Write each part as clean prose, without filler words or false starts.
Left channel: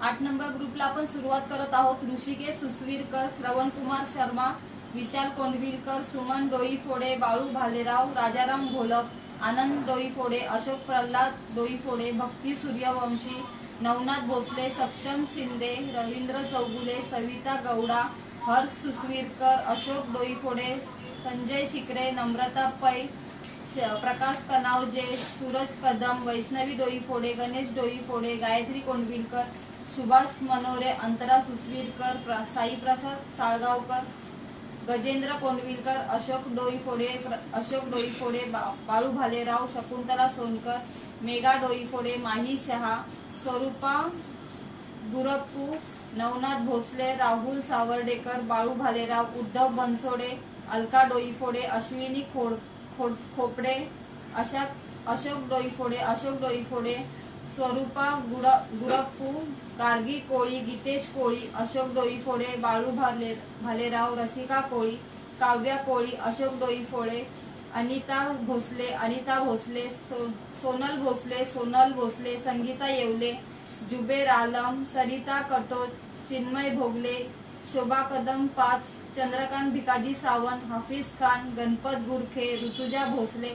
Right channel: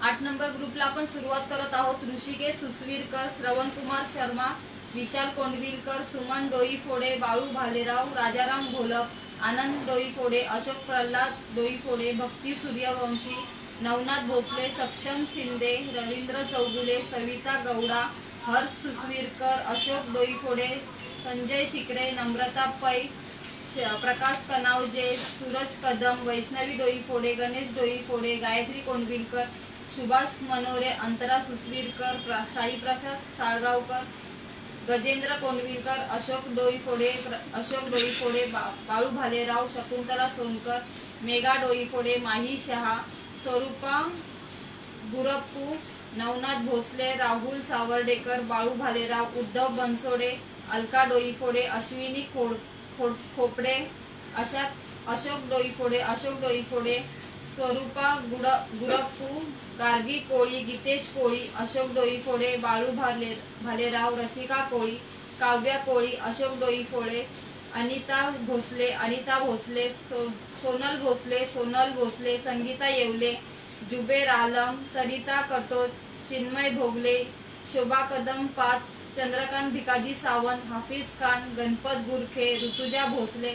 8 number ग्रुपला आपण सुरुवात करत आहोत। ऋषिकेश सुसवीरकर, श्रवण कुमार शर्मा, विशाल कोंडविलकर, सुमन डोईफोडे, बाळू भालेराव, राजाराम घोलप, आनंद डोईफोडे, अशोक प्रल्हाद डोईफोडे, भक्ती सूर्यवंशी, नवनाथ भोसले, सक्षम शिंदे, रवींद्र चौगुले, सविता गौडा, हर्ष सुसवीरकर, अशोक डोईफोडे, संजय शिकरे, नम्रता पै, प्रकाश कनावजे, सूरज कदम, वैष्णवी डोईफोडे, गणेश डोईफोडे, गायत्री कोंडविलकर, सुभाष मनोरे, अंतरा सुसवीरकर, साई प्रसाद साळगावकर, गजेंद्र कोंडविलकर, अशोक डोईफोडे, बाळू भालेराव, शकुंतला सोनकर, मेघा डोईफोडे, माही शहा, स्वरूपा गुरप्पू, नवनाथ भोसले, राहुल सावर्डेकर, बाळू भालेराव, उद्धव बनसोडे, अलका डोईफोडे, अश्विनी खोपडे, अशोक डोईफोडे, स्वरूपा गुरप्पू, गार्गी कोळी, गीतेश कोळी, अशोक डोईफोडे, बाळू भालेराव, रसिका कोळी, काव्या कोळी, अशोक डोईफोडे, अनिता भोसले, सोनल भोसले, संगीता येवले, जुबेर आलम, सरिता कटोच, चिन्मय भोगले, शोभा कदम 5, चंद्रकांत भिकाजी सावंत, हाफिज खान, गणपत गुरखे, ऋतुजा भोसले,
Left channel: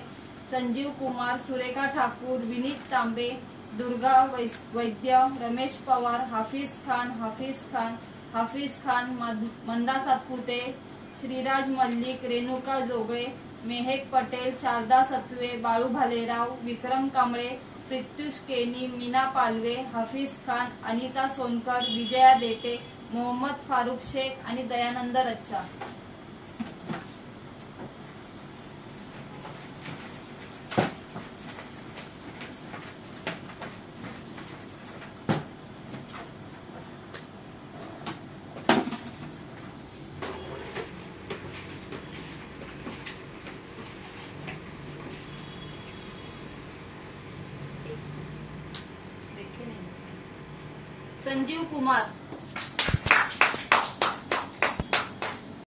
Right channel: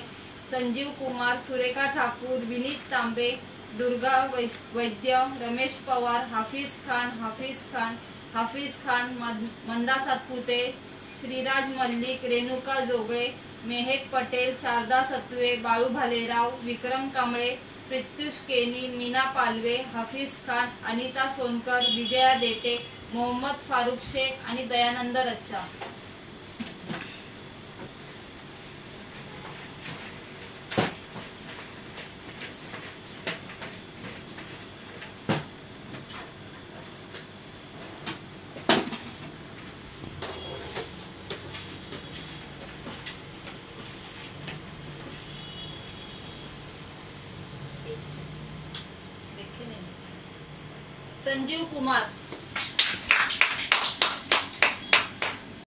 संजीव कुमार, सुरेखा ठाकूर, विनीत तांबे, दुर्गा वैद्य, रमेश पवार, हाफिज खान, मंदा सातपुते, श्रीराज मल्लिक, रेणुका जोगळे, मेहेक पटेल, शारदा सत्वे, बाळू भालेराव, विक्रम कांबळे, प्रत्युष केनी, मीना पालवे, हाफिज खान, अनिता सोनकर, विजया देटे, मोहम्मद फारुख शेख आणि दयानंद रच्चा। संजीव कुमार,